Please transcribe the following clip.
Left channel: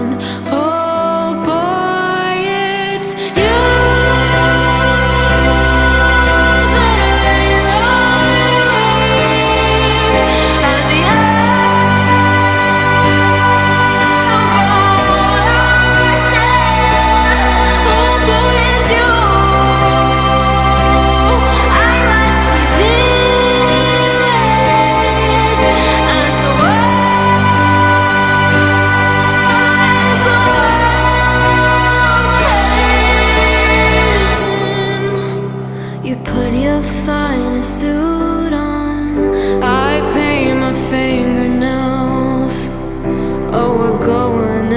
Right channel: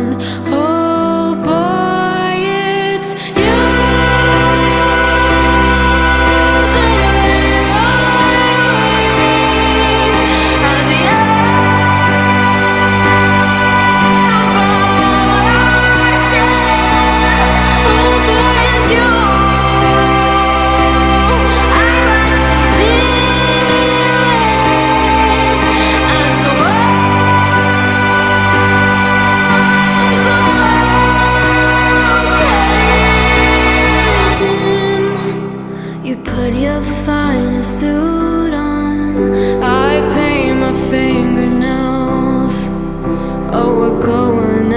Oh boy, it's you that I lie with as the apple I said. Oh boy, it's you I watch TV with as the you put your finest suit on, I paint my fingernails. Oh, we're going out.